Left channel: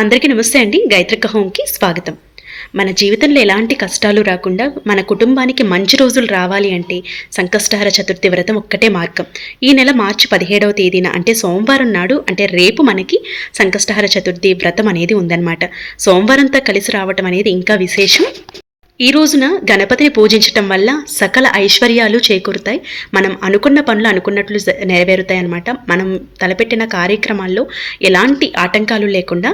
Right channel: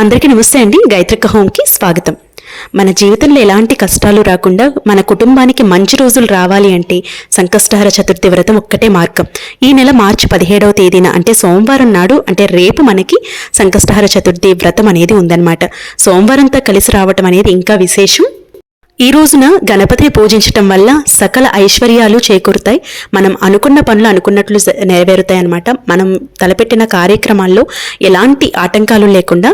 అందరికీ నమస్తే అండి. గాయత్రిక హోమ్కి స్వాగతం. మన జీవితంలో ఎలాంటి కష్టాలు రాకుండా మన కుటుంబానికి మంచి రోజులు రావాలి అంటే సంకష్టహర చతుర్థి వ్రతం ఒక్కటే మార్గం. ఈ నెల మార్చి 17వ తేదీన అంటే సోమవారం నాడు, అంటే రేపు మనకి సంకష్టహర చతుర్థి వ్రతం అనేది ఉందన్నమాట. సోమవారంతో కలిసి రావటం అనేది ఇంకా విశేషం. ఈ రోజున గణపతిని పూజించటం వల్ల సకల ఐశ్వర్యాలు చేకూరుతాయి. మనం అనుకున్న పనులు అనుకున్నట్లు నెరవేరుతాయి అన్నమాట. మనం తలపెట్టిన కార్యక్రమాల్లో ఎలాంటి ఆటంకాలు లేకుండా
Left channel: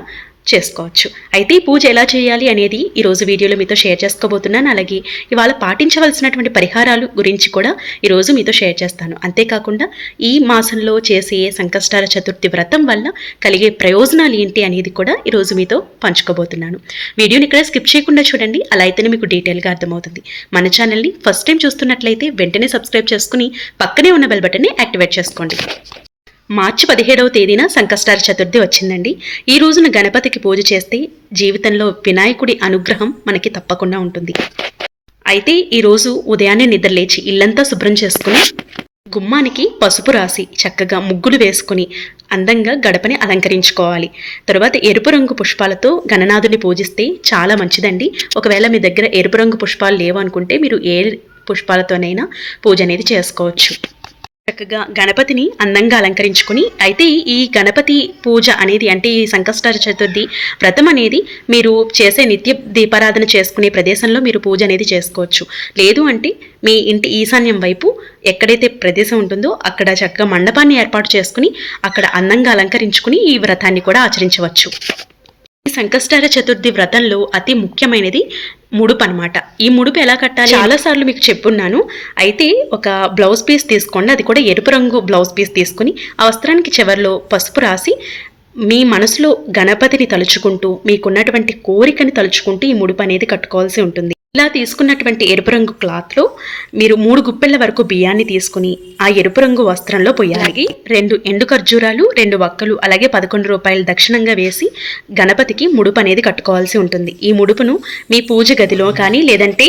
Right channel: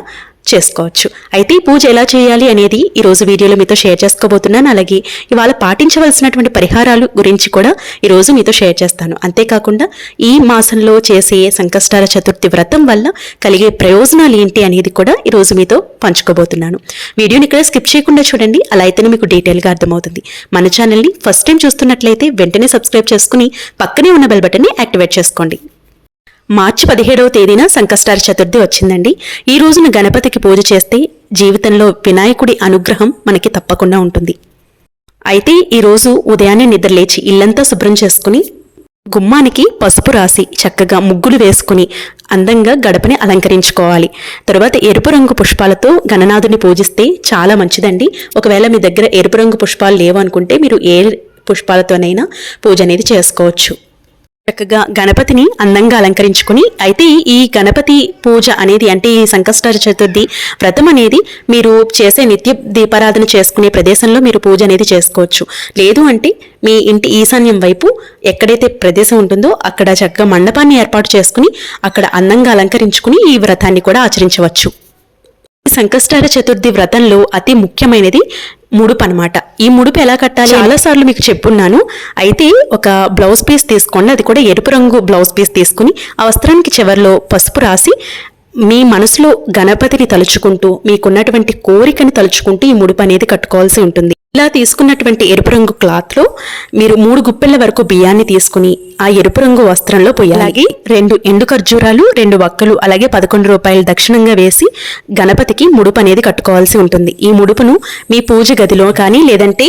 చేసుకోవచ్చు. అయితే ఈ పూజ ఎలా చేయాలి అనేది ఈరోజు వీడియోలో మీతో షేర్ చేసుకోబోతున్నాను. అలాగే ఇవాళ పాటించవలసినటువంటి పరిహారాలు గురించి కూడా ఈరోజు మీతో షేర్ చేస్తాను. అంతేకాకుండా ఈ మాసంలో చేసే సంకష్టహర చతుర్థి వ్రతం వల్ల కలిగే ప్రయోజనాలు ఏంటి అనేది కూడా ఈరోజు మీతో పంచుకోబోతున్నాను. వీడియోని ఇక్కడ స్కిప్ చేయకుండా చూడండి, అలా అయితేనే మీకు డీటెయిల్గా అర్థమవుతుంది. మన ఛానల్ని ఫస్ట్ టైం చూస్తున్నట్లయితే వెంటనే సబ్స్క్రైబ్ చేసుకుని పక్కనే ఉన్న బెల్ బటన్ని యాక్టివేట్ చేసుకోండి. మార్చి 17వ తేదీన సంకష్టహర చతుర్థి వచ్చిందండి. ఈ రోజున గణపతికి పూజ చేస్తే జీవితంలో వినాయకుడి అనుగ్రహం మనకి తప్పకుండా ఉంటుంది. అయితే ఈరోజు ఉదయాన్నే నిద్రలేచి ఇల్లంతా శుభ్రం చేసుకుని గుమ్మానికి పసుపు రాసి చక్కగా ముగ్గులు వేసుకుని అందంగా గడపని అలంకరించుకోవాలి. తర్వాత ఎరుపు రంగు పుష్పాలతో గణనాథుని పూజిస్తే చాలా మంచిదండి. ఒకవేళ మీ దగ్గర ఎరుపు రంగు పుష్పాలు లేవు అనుకుంటే మీరు ఏ పుష్పాలతోనైనా పూజ అనేది చేసుకోవచ్చు. చక్కగా గణపతిని అందంగా అలంకరించుకుని, అయితే ఈ గణపతి పూజ అనేది అంటే ఈ సంకష్టహర చతుర్థి వ్రతం అనేది మీరు చేసే నిత్య దీపారాధన చేసుకునే ప్రదేశంలో మీరు పూజ అనేది చేసుకోవచ్చు. లేదు అంటే మీ ఇంటి ఈశాన్యం వైపు ఎక్కడైతే ప్రదేశం ఉంటుందో అక్కడ చక్కగా మండపాన్ని ఏర్పాటు చేసుకుని అక్కడ అందంగా అలంకరించుకుని ఈ వ్రతాన్ని కూడా ఆచరించవచ్చు. ఈ సంకష్టహర చతుర్థి వ్రతంలో అతి ముఖ్యమైనది ముడుపు అనమాట. ఈ ముడుపు ఎలా కట్టాలి చాలాసార్లు మీకు చెప్పున్నాను. అయితే ఒక బ్లౌజ్ పీస్ తీసుకోండి, అది కూడా ఎరుపు రంగు బ్లౌజ్ పీస్ తీసుకుని ఆ వస్త్రానికి చివరిలో పసుపు రాసి మీ మనసులో గణపతిని తలుచుకుంటూ మీకున్నటువంటి కోరికని తలుచుకుంటూ ఈ ముడుపు అనేది కట్టుకోవాల్సి ఉంటుంది. ఇలా తీసుకున్నటువంటి ఎరుపు రంగు క్లాత్లో మీరు 3 గుప్పెళ్ల వరకు బియ్యాన్ని తీసుకుని ఆ ఎరుపు రంగు వస్త్రంలో పోయాలి. 2 ఎండు ఖర్జూరాలు, 2 వక్కలు, అలాగే 11 రూపాయలు దక్షిణంగా వేసి గణపతికి ముడుపు అనేది కట్టుకోవాల్సి ఉంటుంది. ఈ ముడుపును మీ పూజ గదిలో కానీ లేదంటే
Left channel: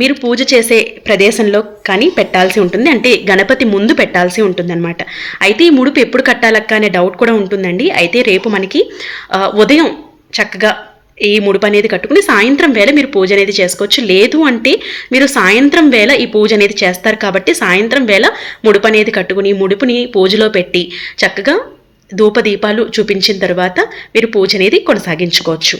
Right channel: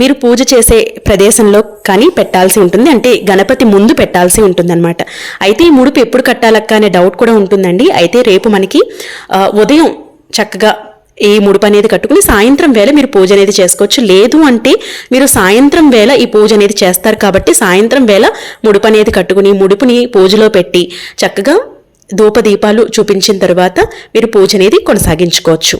మీరు పూజ చేసే ప్రదేశంలో కానీ పెట్టాల్సి ఉంటుంది. అంటే గణపతి ముందు పెట్టాల్సి ఉంటుంది అనమాట. అయితే ఈ ముడుపు ఎప్పుడు కట్టాలక్క అనే డౌట్ కూడా ఉంటుందండి. అయితే రేపు మనకి ఉదయం చక్కగా ఈ ముడుపు అనేది కట్టుకుని సాయంత్రం వేళ మీరు పూజ అనేది చేసుకోవచ్చు. లేదు అంటే మీరు సాయంత్రం వేళ ఈ పూజ అనేది చేస్తారు కాబట్టి సాయంత్రం వేళ ముడుపు అనేది కట్టుకుని ముడుపుని పూజలో పెట్టి చక్కగా ధూపదీపాలు చూపించిన తర్వాత మీరు పూజ అనేది కొనసాగించుకోవచ్చు.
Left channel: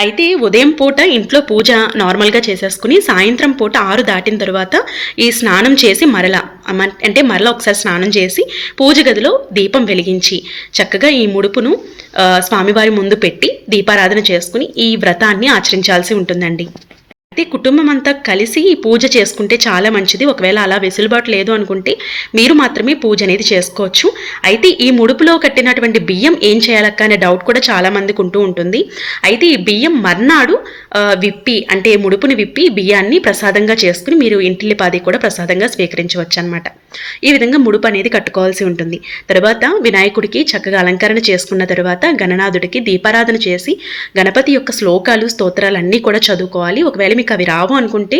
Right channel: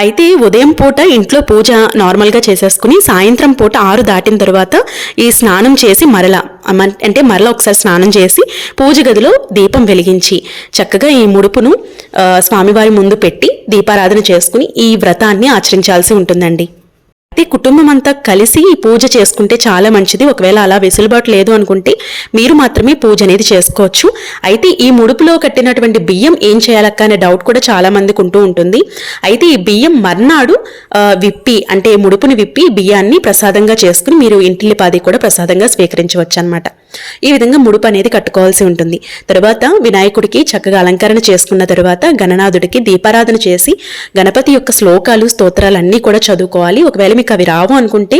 అయితే ఉదయం పూట ఇంట్లో పూజ నార్మల్గా చేసేసుకుని సాయంత్రం పూట 6 దాటిన తర్వాత ఈ స్నానం చేసి మరలా ఒకసారి స్నానం చేసి పూజ గదిలో దీపం వెలిగించి చక్కగా ఈ ముడుపును స్వామివారి ముందు పెట్టి దీపారాధన చేసుకుని ఈ వ్రతాన్ని ఆచరించాల్సి ఉంటుందండి. అయితే కుటుంబం అంతా కలిసి ఈ పూజ చేసుకుంటే చాలా మంచిది. ఒకవేళ అలా వెసులుబాటు లేదు అనుకుంటే మీరు మాత్రమే పూజ అనేది చేసుకోవచ్చు. అయితే ఈ ముడుపులో కట్టినటువంటి బియ్యం ఏం చేయాలక్క అనే డౌట్ కూడా చాలా మందికి ఉంటూ ఉంటుంది. అయితే ఈ బియ్యం మర్నాడు అంటే ముడుపుని విప్పి బియ్యాన్ని ప్రసాదంగా చేసుకుని మీరు ఇంటిల్లిపాది కూడా ప్రసాదంగా స్వీకరించవచ్చు అనమాట. ఈ విధంగా ముడుపు అనేది కట్టుకోవాల్సి ఉంటుంది. తర్వాత వినాయకుడికి చక్కగా అలంకరణ చేసుకున్న తర్వాత గణనాథుడికి దీపారాధన చేసి గణపతి యొక్క శ్లోకాలు స్తోత్రాలు అన్నీ కూడా చదువుకోవాలి. ఒకవేళ మీకు అవి రావు అనుకుంటే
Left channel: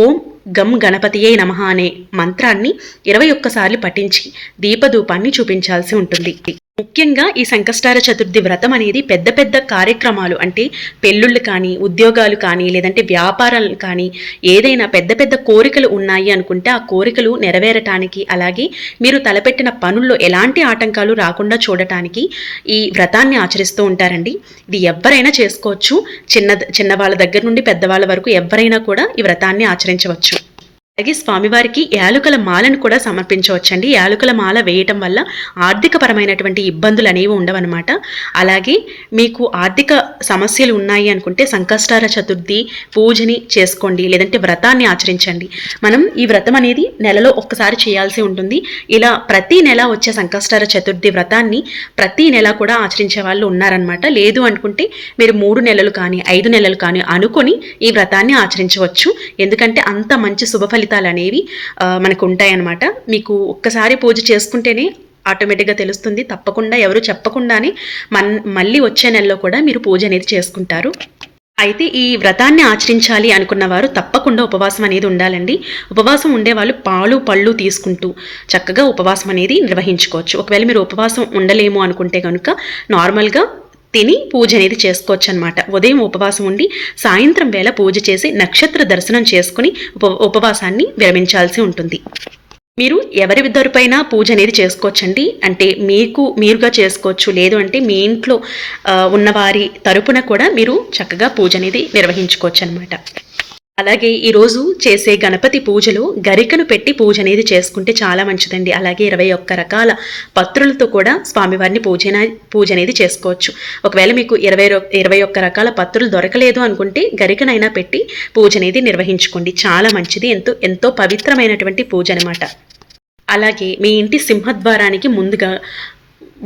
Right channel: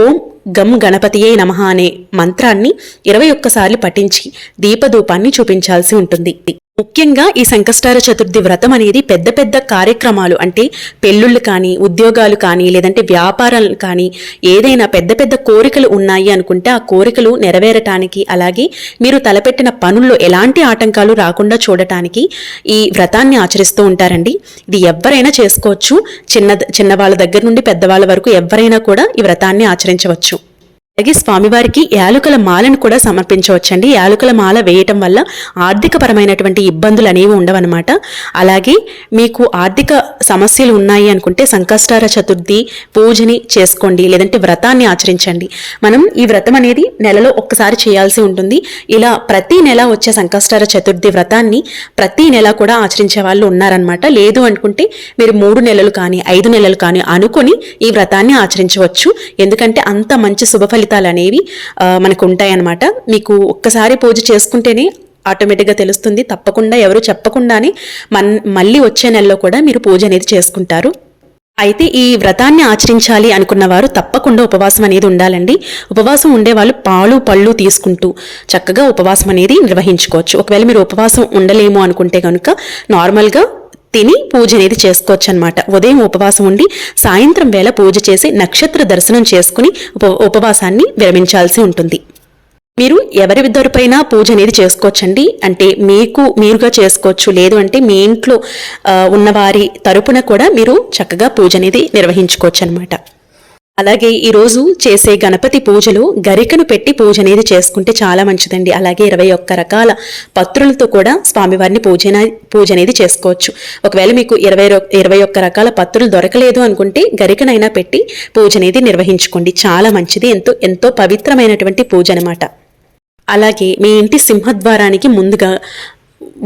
ఓం గం గణపతియే నమః అనే మంత్రాన్ని 21 సార్లు పఠించి దీపధూపాన్ని చూపించాల్సి ఉంటుంది. ముఖ్యంగా ఈ సంకష్టహర చతుర్థి వ్రతం అనేది పెద్ద పెద్ద కార్యక్రమాలు అంటే పెళ్ళిళ్ళు కానీ ఉద్యోగాలు కానీ లేదంటే వ్యాపారాలు కానీ ఏదైనా పెద్ద పెద్ద కోరికలు ఉన్నాయి అనుకుంటే ఆ కోరికలు నెరవేరటానికి అలాగే మీరు తలపెట్టిన పనుల్లో ఎలాంటి ఆటంకాలు రాకుండా చూడటానికి ఈ వ్రతాన్ని ఆచరిస్తూ ఉంటారండి. ఇది ఎవరైనా చేసుకోవచ్చు. చిన్నవాళ్ళ దగ్గర నుండి పెద్దవాళ్ళ వరకు ఎవరైనా కూడా ఈ వ్రతాన్ని ఆచరించవచ్చు. అలాగే స్వామివారికి యాలకుల మాలను కూడా సమర్పించవచ్చండి. యాలకుల మాల వేయటం వల్ల ఆర్థికపరమైనటువంటి ఇబ్బందులు అనేవి ఉండవన్నమాట. అలాగే మీకు ఆర్థిక సమస్యలు ఉన్నాయి అనుకుంటే సంకష్టహర చతుర్థి పూజని చేసుకోండి, లేదంటే వ్రతాన్ని ఆచరించండి. మనం ఈ వ్రతం అనేది నెలలో ఒక్కసారి చేయాల్సి ఉంటుంది. ఇలా ప్రతి నెల వచ్చే సంకష్టహర చతుర్థి వ్రతాన్ని ప్రతి నెల కూడా ఆచరించే వాళ్ళు ఉన్నారనమాట. లేదు అనుకుంటే మీరు 3 నెలలు కానీ 5 నెలలు కానీ అనుకొని ఈ వ్రతాన్ని ఆచరించవచ్చు. ఎందుకంటే అంత మంచి శుభ ఫలితాలు అనేవి మనకు ఉంటాయన్నమాట. మీకు ఒక్కసారి పూజ చేసుకుంటేనే ఆటోమేటిక్గా తెలుస్తుంది. తప్పకుండా ఎవరు చెప్పకుండానే మళ్ళీ వచ్చే నెలలో కూడా మీరు పూజ అనేది చేసుకుంటారు. అయితే ఈ వ్రతాన్ని ఆచరించాలి అనుకున్న వారు తప్పకుండా ఉపవాసం అనేది ఉండాలండి. ఉపవాసం ఉండే వాళ్ళు పాలు పళ్ళు తీసుకుంటూ చక్కగా ఉపవాసం అనేది నిర్వహించుకోవచ్చు. ఒకవేళ మీరు ఉపవాసం ఉండలేము అనుకుంటే కనుక నార్మల్గా తిని పూజ అనేది చేసుకోవచ్చు అనమాట. ఉదయం ఉపవాసం ఉండి సాయంత్రం వేళ పూజ చేసి నక్షత్ర దర్శనం చేసుకుని ఉపవాసాన్ని విరమించాల్సి ఉంటుంది. మీరు ఎవరి తరపున పూజ అనేది చేసుకోవచ్చండి. అంటే మీరుగా చేసుకోవచ్చు, లేదు అంటే మీ ఇంట్లో ఉన్నవారి తరపున కూడా మీరు చక్కగా పూజ అనేది నిర్వహించుకోవచ్చు అనమాట. అలాగే ఈరోజు చేసే గణపతి పూజలో గరికను పెట్టి పూజ అనేది చేసుకుంటే చాలా మంచిదండి. అలాగే 21 రకాల పత్రులతో కూడా స్వామివారిని పూజ అనేది చేసుకోవచ్చు. ఒకవేళ మీకు 21 రకాల పత్రులు దొరకలేదు అనుకుంటే గరికనైనా పెట్టి పూజ అనేది నిర్వహించుకోండి. చాలా మంచిది, ఎంతో పవిత్రమైనటువంటి పూజ అనమాట. అలాగే మీ ఇంటి సింహద్వారానికి ముందుగా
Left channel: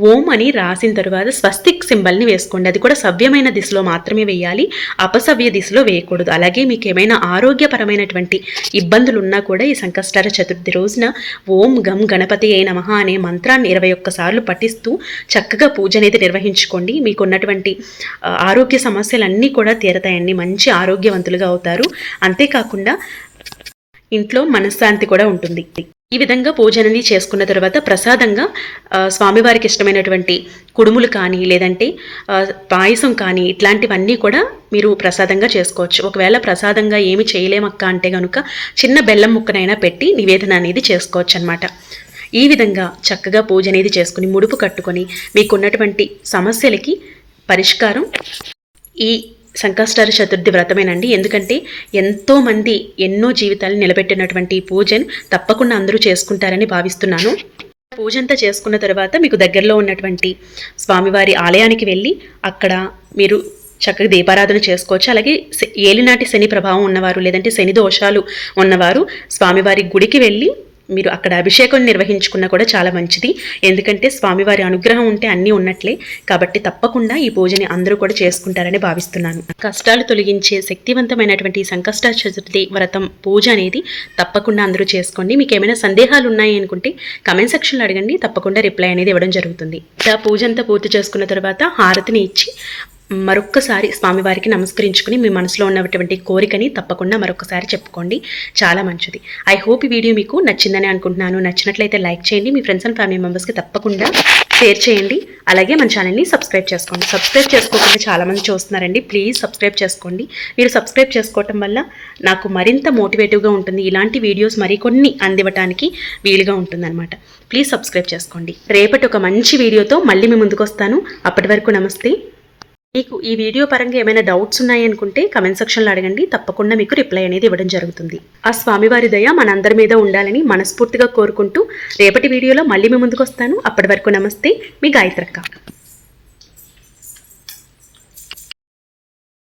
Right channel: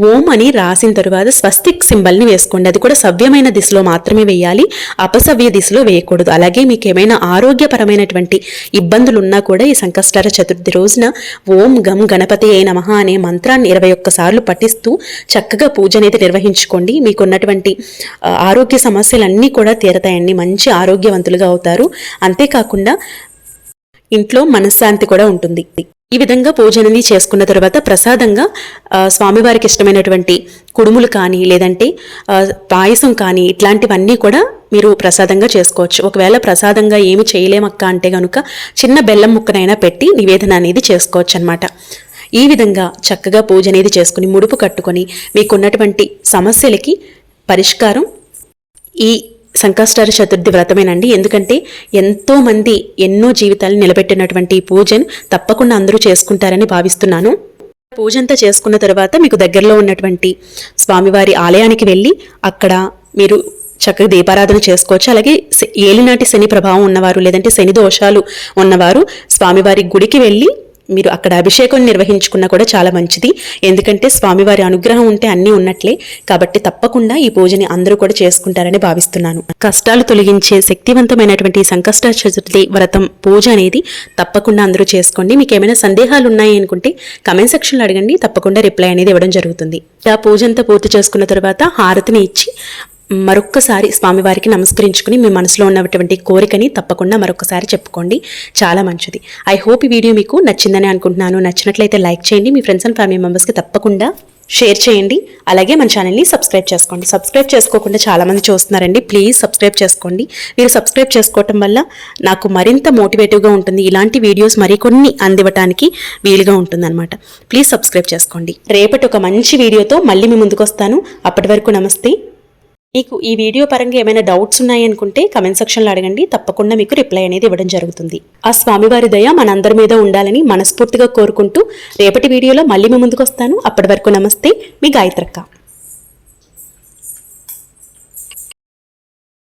ఓం అని రాసిన తరువాత స్వస్తిక్ సింబల్ని వేసుకోండి. అది కూడా సవ్యమైన దిశలో మాత్రమే వేయాలి, అపసవ్య దిశలో వేయకూడదు. అలాగే మీకు ఏమైనా ఆరోగ్యపరమైనటువంటి ఇబ్బందులు ఉన్నా కూడా ఈ సంకష్టహర చతుర్థి రోజున ఓం గం గణపతి అయి నమః అనే మంత్రాన్ని 21 సార్లు పఠిస్తూ చక్కగా పూజ అనేది నిర్వహించుకోండి. మీకున్నటువంటి ఆరోగ్య సమస్యలన్నీ కూడా తీరతాయండి, మంచి ఆరోగ్యవంతులుగా అవుతారు. అంతేకాకుండా ఇంట్లో మనశ్శాంతి కూడా ఉంటుంది. ఈ విధంగా పూజ అనేది చేసుకున్న తర్వాత ప్రసాదంగా స్వామివారికి ఇష్టమైనటువంటి కుడుములు కానీ లేదంటే పాయసం కానీ ఇట్లాంటివన్నీ కూడా మీరు ప్రసాదంగా చేసుకోవచ్చు. ఒకవేళ ప్రసాదంగా ఏమి చేయలేమక్క అంటే కనుక చిన్న బెల్లం ముక్కనైనా పెట్టి నివేదన అనేది చేసుకోవచ్చు అనమాట. ఈ విధంగా చక్కగా పూజ అనేది చేసుకుని ముడుపు కట్టుకొని మీకున్నటువంటి సమస్యలకి పరిష్కారం ఈ సంకష్టహర చతుర్థి వ్రతమేనండి. ఎందుకంటే ఎంతోమంది ఎన్నో జీవితాలను నిలబెట్టినటువంటి పూజను తప్పకుండా అందరూ చేసుకుంటారని భావిస్తున్నాను. పూజ అంతా చేసుకున్న తర్వాత మీకు దగ్గరలో ఉన్నటువంటి స్వామివారి ఆలయానికి వెళ్ళి అక్కడ మీరు చక్కగా దీపారాధన చేసుకోవచ్చు. అలాగే ఏలినాటి శని ప్రభావం ఉన్నవారు లేదంటే శని దోషాలు ఉన్నవారు స్వామివారి గుడికి వెళ్ళి మీరు అక్కడ అభిషేకం నిర్వహించుకున్నా కూడా చాలా మంచిది. ఎందుకంటే స్వామివారి అనుగ్రహం ఉంటే అన్నీ ఉన్నట్లే. కాబట్టి తప్పకుండా ఈ పూజని అందరూ కూడా చేసుకుంటారని భావిస్తున్నాను. కష్టాలు తొలగించే శక్తివంతమైనటువంటి సంకష్టహర చతుర్థి వ్రతం పూజ అనేది తప్పకుండా అందరూ చేసుకోండి. మీకు ఏమైనా సందేహాలు ఉన్నాయి అనుకుంటే కమెంట్ సెక్షన్లో అడగండి, తప్పకుండా రిప్లై అనేది ఇవ్వడం జరుగుతుంది. ఆ పూజ అంతా పూర్తి చేసుకున్న తర్వాత హారతిని ఇచ్చి మరొక్కసారి స్వామివారికి నమస్కరించుకుని మీ మనసులో ఉన్నటువంటి కోరికని తప్పకుండా మరొకసారి చెప్పుకోండి. చాలా మంచిది. ఐ హోప్ ఈ వీడియో మీకు నచ్చిందని అనుకుంటున్నాను. నచ్చినట్లయితే లైక్ చేయండి, మీ ఫ్రెండ్స్ అండ్ ఫ్యామిలీ మెంబర్స్కి తప్పకుండా షేర్ చేయండి. అలాగే మన ఛానల్ని సబ్స్క్రైబ్ చేసుకోండి. సబ్స్క్రైబ్ చేసుకోకుండా చాలామంది చూస్తున్నారండి, ప్లీజ్ సబ్స్క్రైబ్ చేసుకోండి. మీరు సబ్స్క్రైబ్ చేసుకోవటం వల్ల నాకు మరింత మోటివేటివ్గా ఉంటుంది, ఇలాంటి వీడియోస్ మరికొన్ని అందివ్వటానికి వీలుగా ఉంటుందన్నమాట. ప్లీజ్ సబ్స్క్రైబ్ చేసుకోండి. రేపటి ఒక మంచి వీడియోతో మళ్ళీ మీ ముందుకు వస్తాను. అప్పటి వరకు నమస్తే. మీకు ఈ వీడియో పరంగా ఏమైనా డౌట్స్ ఉన్నాయనుకుంటే కమెంట్ సెక్షన్లో అడగండి, తప్పకుండా మీకు రిప్లై అనేది ఇవ్వడం జరుగుతుంది. ఆ స్వామివారి దయ మనందరి మీద ఉండాలని మనస్ఫూర్తిగా కోరుకుంటూ రేపటి వీడియోలో మళ్ళీ మీ ముందుకు వస్తాను. అప్పటి వరకు నమస్తే, మీ గాయత్రక్క.